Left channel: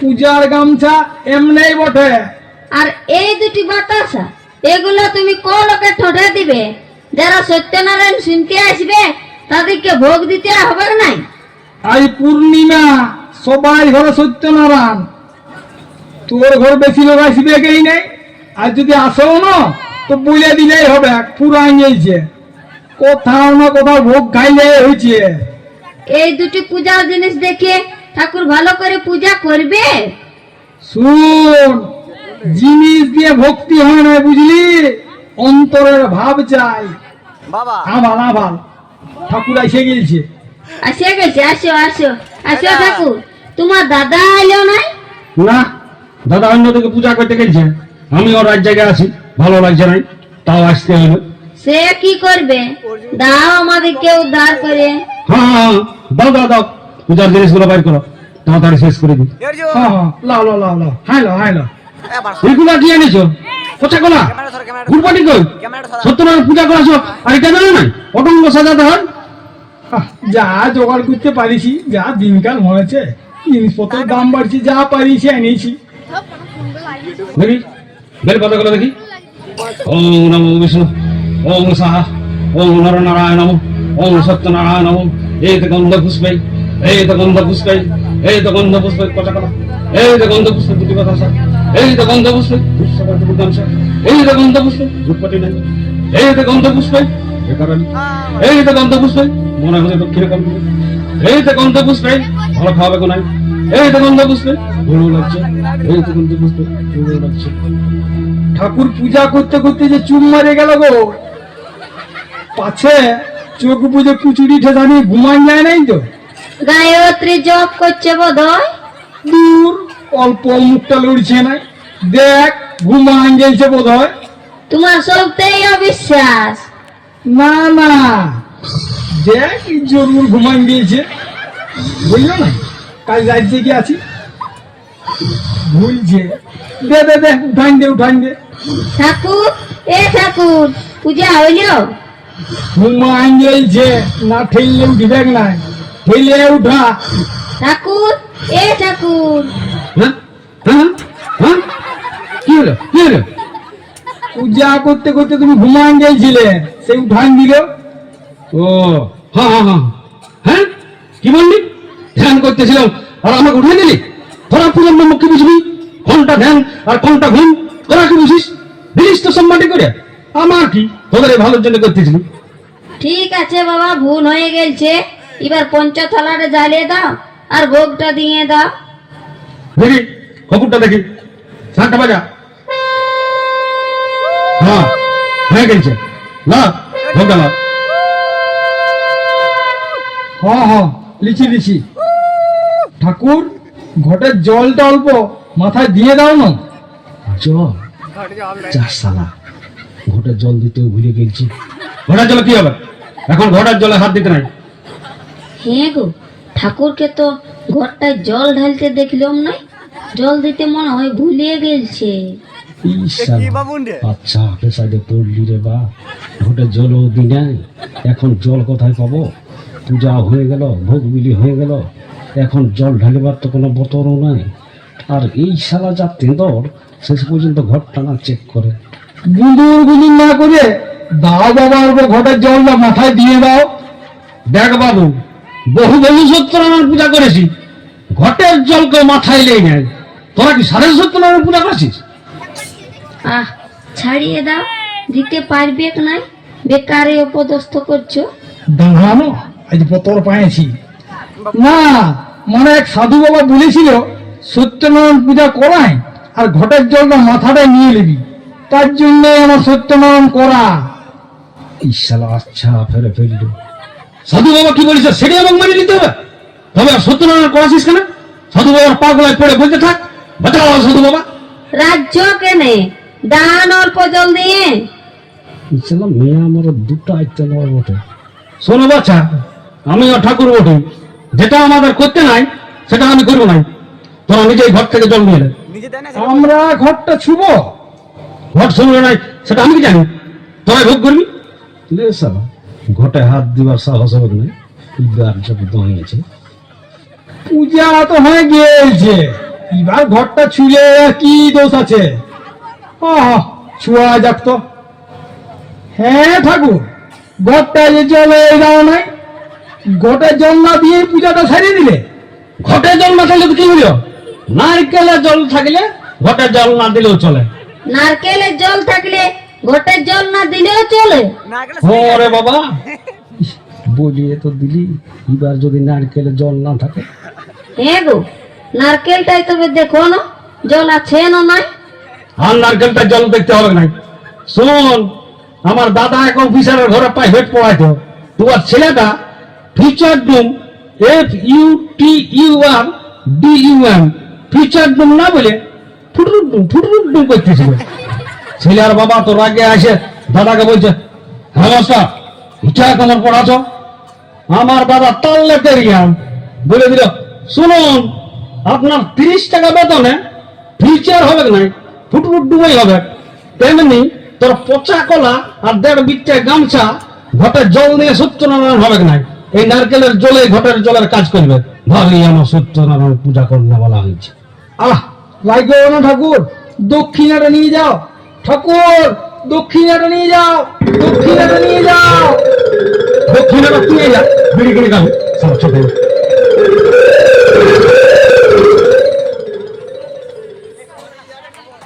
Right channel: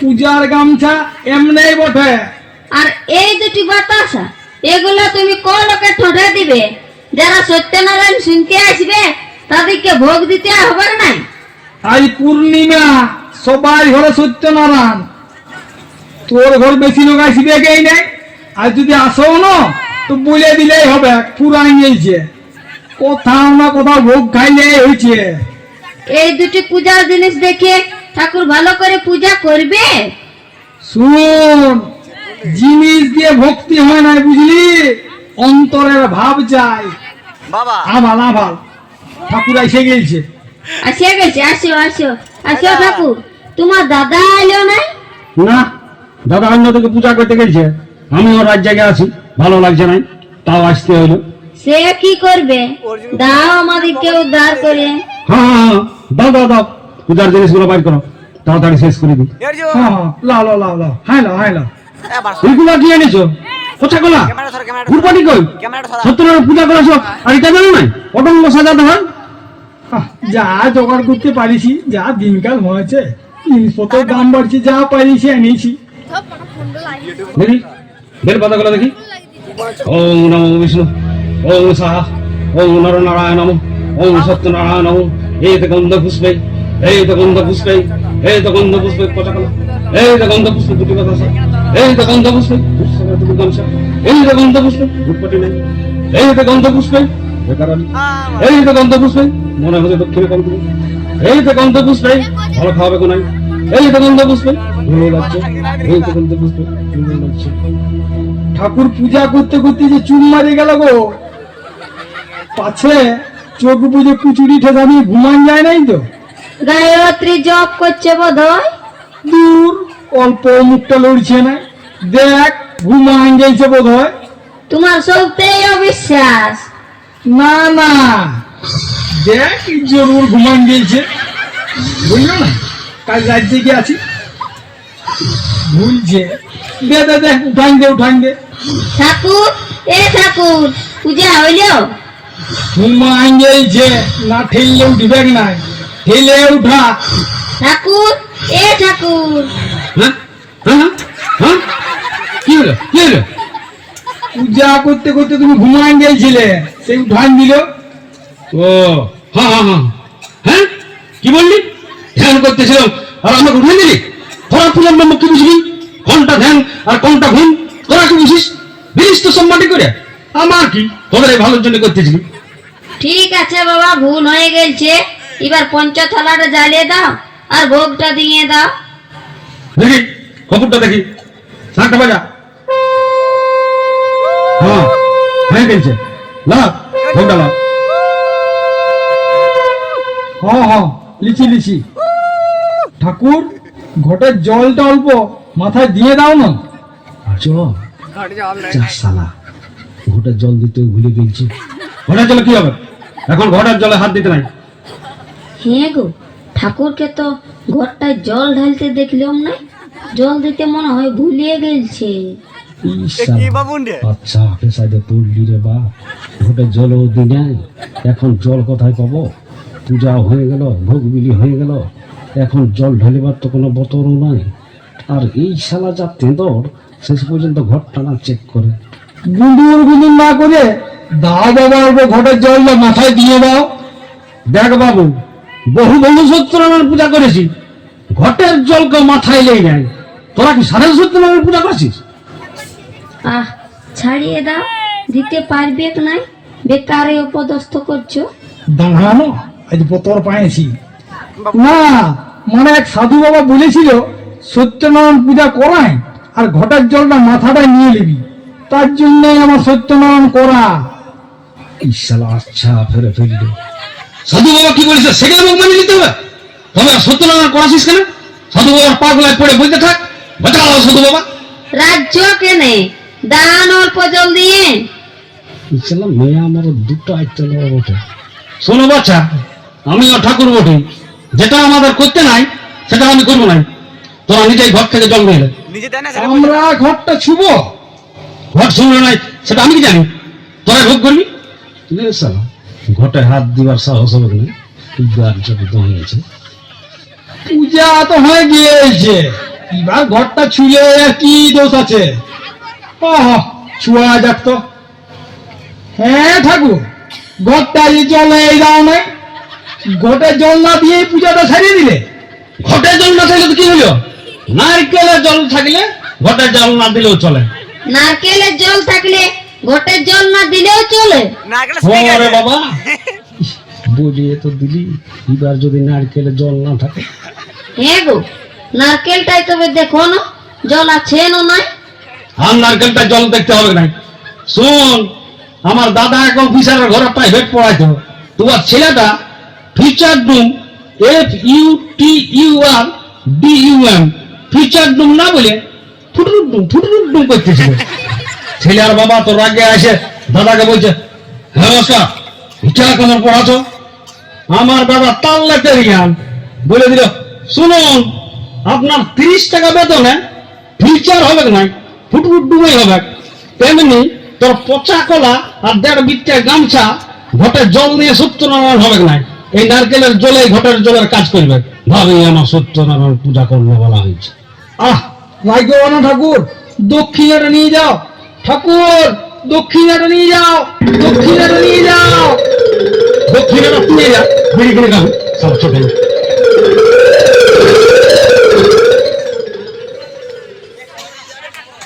পূজার গামছা এমনি বটে। আর এই দুটি বাতাসা এগুলো তুমি কোন লোকে ঠোঁটে দিবে? যারা সত্যনারায়ণ শুনতে আসবে তাদেরকে ভোগ দিতে হবে না? আজ পূর্ণিমা, সবাই ঘরে সত্যনারায়ণ, তোর ঘর বেশি লোক আসবে কেই নাই। আর যদি আসো না তো বলে দিলেই হবে, পুরাই নিয়েছে, কোথাও না কোথাও ভোগ খাইলে হয়েছে। এই দুটি পূজার জিনিস দেখে ঠাকুর ভালো করে পূজা করবে? শুন, জিনিস দিয়ে ভক্তি হয় না, বুঝলি, অন্তরের ভাব চাই। বাবা আভাল আভাল ঠাকুর এসে গেছে। আসিয়া গেছে, আসো আসো আসো ঠাকুর। তোমার দাদা এলো নাই? না, দাদা অন্য থেকে পূজা করতে গেছে, আমি ওর রাত জায়গায় আছি, ভালো লাগছে না, তাও আসতে হইলো। সে কি করবে? দাও আমাদেরকে উদ্ধার করে। হ্যাঁ হ্যাঁ হ্যাঁ, দাও দাও দাও, পূজার জিনিসগুলো বাইর করো, তাড়াতাড়ি শেষ করে দিই। হ্যাঁ হ্যাঁ, লাও লাও লাও লাও, হ্যাঁ লাও হ্যাঁ লাও। এইগুলো কি এনেছো? কোথা গোলা গুরপাটি কই? সত্যনারায়ণ পূজা করা সব আর এটা জানো নাই? পটঙ্গ সাজাতে হয়। যা জোগাড় করতে পারিছি, যা দিনকাল হয়েছে, জিনিসপত্রের দাম বাড়ছে, যা পারিছি এনেছি। দেখি বের কথাগুলো দেখি। ওম নমো বিষ্ণু, ওম সাহা, ওম নরনারায়ণ নমঃ, ওম সত্যনারায়ণ নমঃ। এই তো গন্ধ পুষ্পে, এই তো গন্ধ পুষ্পে, এই তো গন্ধ পুষ্পে কথা কলা, এই তো গন্ধ পুষ্পে দুটি কথা, এই তো গন্ধ পুষ্পে দুটি গামছা, এই তো গন্ধ পুষ্পে দুটি নেই, এই তো গন্ধ পুষ্পে বেকারালি, এই তো গন্ধ পুষ্পে মনে হচ্ছে দক্ষিণে কম করে, এই তো গন্ধ পুষ্পে ভালো খাওয়াবে কোনাই, এই তো গন্ধ পুষ্পে ধুলো লাগছে, এই তো গন্ধ পুষ্পে ধুলো লাগছে। ঠাকুর পূজা করতে করতে যে চুপ মারে গেল গো, পাছে চোখ বুঝে কুচুরি ঠেসা নিয়ে ঘুমান যায় নাই তো? গায়ত্রী জপ করছে বোধ হয়। দূর, অল্প মুখটা লড়ছে না, দেখ ঘুমান গেছে বোধ হয়। তোমার সবটাই অবিশ্বাস। না না, দেখ জরুর ঘুমান দিয়েছে, বুঝলো না, কাল রাজ্যে গিয়ে আছি, ভুলছে। দে দে দে, উঠান দে উঠান দে। ঠাকুর, এ ঠাকুর, পূজা হইল? ঘুমান গেছে, না ঠেললে উঠবে না, ঠেলে উঠা। ঠাকুর, এ ঠাকুর। হ্যাঁ হ্যাঁ হ্যাঁ, কি হলো কি হলো? পূজা করতে করতে তুমি ঘুমান গেছিলে, সেই উঠান দিল। ও হ্যাঁ হ্যাঁ হ্যাঁ হ্যাঁ, কি বললি? ধ্যান করতেছিলাম আর আমাকে উঠে দিলি? তোরা পূজার নাম কি বুঝবি? কোনটা ধ্যান আর কোনটা ঘুম তোরা কি বুঝিস? দিলিস তো সম্মাটি করে, আমার কি, তোদের এই ভালোর জন্য করতেছিলি। ঠিক আছে বাবা, ভুল হয়ে গেছে। এবার পঞ্চথালাটা জ্বালিয়ে দাও আর ভোগটা দিয়ে দাও। দেখি খবরটা দেখি, শাকটা বাজা। হ্যাঁ হ্যাঁ গেছে না, ভোগটা না। হ্যাঁ হ্যাঁ, লিচি লিচি। ঠাকুর, ঘটের জলটা অল্প মাথায় দিয়ে দাও না। জল যা শালা, ঘোটার জল দিতেও ভুলে গেছি। ঘোটার জলে কি হবে? এখন ঘোটার জলে হাত দিতে নাই। হ্যাঁ গো, ঠাকুরকে তো ঘরটায় জল ঢালতে দেখলাম না, জল দিতে মনে হয় ভুলিয়ে গেছে। আচ্ছা পেশায় পড়লি রে বা, ঘোটার জলও দি নাই, এখন জল কোথায় পাবো? পূজা হয়ে গেল, ভোগ বিলি হয়ে গেল, এখন জল ঢালিবার তো কোনো বতরও নাই। আর এই শালা যা তেঁদর, শেষ পর্যন্ত ঘরটা না চেক করে। গুঁদুর গুঁদুর না করে দাও বাবা, অল্প ঘটের জলটা মাথায় দিয়ে দাও। দেখ বাবু, বহু বহু সত্যনারায়ণ পূজা করেছি, ঘটের জলকে মাথায় লেই নাই। তোরা কি সাড়ে সত্যনারায়ণ পূজা করেছিস? আহ, ছাড়িয়ে দাও, দিতে পারবে নাই, বেকারে উপদস্থ করছো। দাঁড়ানো, আজ পতর পাইছি না, মানে এক সাধু বাবা বলেছিল সত্যনারায়ণ পূজা করাই আর ঘটের জলটা মাথাটায় নিয়ে নিবি, তার জন্য আমার সত্যনারায়ণ করা। এই শালা আচ্ছা ফেরে ফেলল। সাধু বাবা কি বলেছে সেটা আমাকে মানে নিতে হবে? তবে আর সত্যনারায়ণ করাছিস কেন? সাধু বাবার পা গোলায় পড়ে বলতে থাক, বাঁচাও সাধু বাবা। রাজ্য কেনে দান অল্প জল দিয়ে। এই শালা মেয়ে আমার দুটো আইতে লড়া বটে। শোনো বাচ্চা, আমিও ঠাকুর বটে, যেটা আমাদের করতে নাই সেটা আমি করবো না। তোরা নিজেই ঘর থেকে জল নিয়ে এলে। আমরা ঘরটা ছুব? ঘর শুনলো নাই সেটা আমি কি জানি? তোরা ভোগ করবি? ঘটে হাত দিবার সাহস হবে না, পূজার যত দাঁড়িয়েছে। পূজা তো হয়ে গিয়েছে, এবার ঘরটা ছুঁলে কি দোষ আছে? ছুয়া যাক তো। হ্যাঁ ঠাকুর, ঘরটা যে জলে এই কারণে ঘটে জল না দিয়ে পূজাটা সারিয়ে দিলে। ঘটে জল না থাকলে তো কি হলো? নারকেলের জল থাকলে ঘটে জল না দিলেও চলে। নারকেলের জল থাকলে ঘটের জল না দিলেও চলে। ওরে বাবা, বলিয়ে তো দিলি, এবার যদি নারকেলের জল না থাকে? হ্যাঁ গো, নারকেলটাই তবে দেখো না জল আছে না নাই। আর নারকেলটা জল দেখতে হবে নাই। শোন, আমার দাদা এক অফিসারের ঘরে প্রাইভেট পড়াইতো। তোমার ছেলেটা ফিচার ডুম, FUTURDUM, ফিচার ডুম না বলে ফুটুরুডুম করতেছিল। ছেলের বাবা তো রাগে আসে দাদাকে বলছে, হ্যাঁ নমস্কার, এটা কেমন পড়াছো? আমার দাদা তাল্লে পেরিয়াম বলে দিল, শুনুন, আপনার 30 টাকা বেতনে ফিচার হবে নাই, ফুটুরুডুমই হবে। তেমনি তোর পচা কলা আর 1.5 বিটে গামছা ঘটে জল নিয়ে সত্যনারায়ণ হবে নাই। এই নারকেলের জলে ঘটের জলের কাজ করবে। ভাবি আমার সত্যনারায়ণ পূজা করলে বলা হয়েছে। লাগবে না ঠাকুর, দক্ষিণাটা নিয়ে যাও। ঠাকুর, দক্ষিণাটা নিয়ে যাও, দক্ষিণাটা নিয়ে যাও। দক্ষিণে তুই যা, বেরিয়ে করে খাবো সব ছোট